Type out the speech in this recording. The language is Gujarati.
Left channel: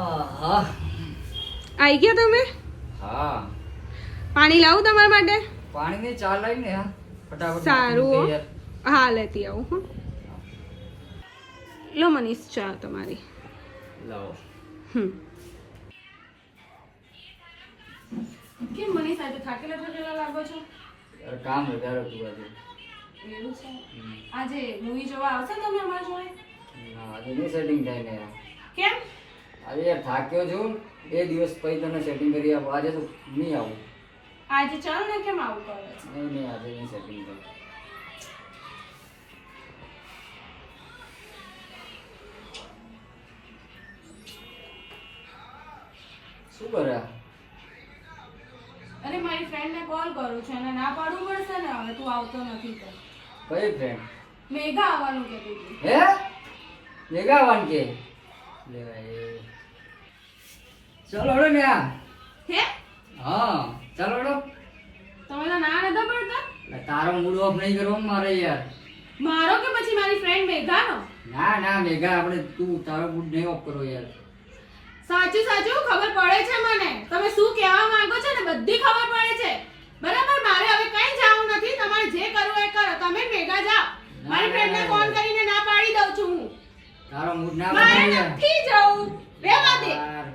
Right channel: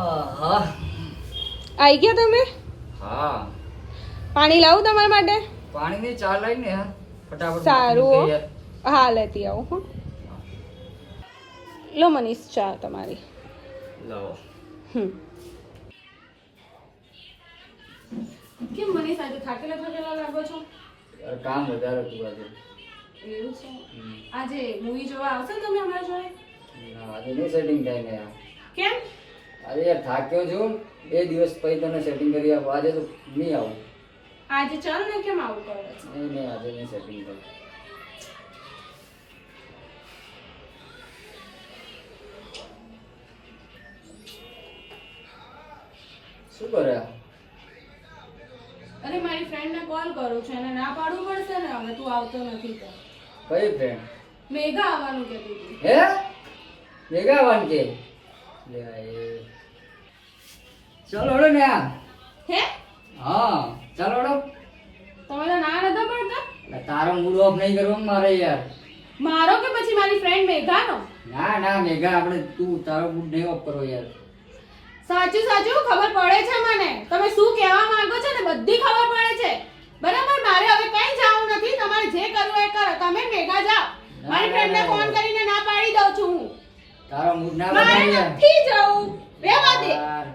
આહા. આવી ગયા તમે? હા પાણી લાવું તમારા માટે? પાણીની ચા લઈને હા ફટાફટ સારું મૂકી દે હો. હા લેતી આવું હો. લો મનીષ ચા તમારી. યાર. લાવો કેમ મનીષ આજે થાકેલા લાગો છો? યાર કામ વધારે હતું આજે. એવું છે? આજે મૂવી જોવા આવશે તમે અમારા જોડે? ના આજે નહીં સેટિંગ થાય ને યાર. કેમ? આજે યાર થાક્યો છું 2 દિવસ પછી તને સેટિંગ કરી આપું આજે તો નહીં આવું. આજે ચાલ ને, કેમ આવું કરો? નહીં આજે નહીં સેટિંગ થાય. શું કરે આ? અરે મારી ફ્રેન્ડને કોલ કરું છું, એને ના પાડવું પડશે ને હવે તું આવતો નથી તો. કઈ ફ્રેન્ડ? મેઘા આવવાનું કહેતી હતી. હે મેગા વાન કે લે ભાઈ ચલો હળો ને આ. હે? હા ચાલો હળો. તમે તો ના નતા પડતા? એટલે તારો મૂડ ઓફ નહીં કરવો મારે યાર. મારો કે પછી મારી ફ્રેન્ડ મેઘાનો? ના ના મેગા આપણે તું તારો મૂડ નહીં ઓફ કરો યાર. સાચું સાચું ખબર પડે છે મને, તમે શું કહેવા માંગો છો ને બધી ખબર પડે છે. બરાબર, મારે હવે કઈ જવું નથી, તમારે જે કરવું એ કરો. તમે મેઘા જાઓ. મારી ફ્રેન્ડને ફોન કરીને ના પાડી દઉં છું હું. તારો મૂડ ના મારે બગાડ યાર. નથી જવું, રહેવા દે. યાર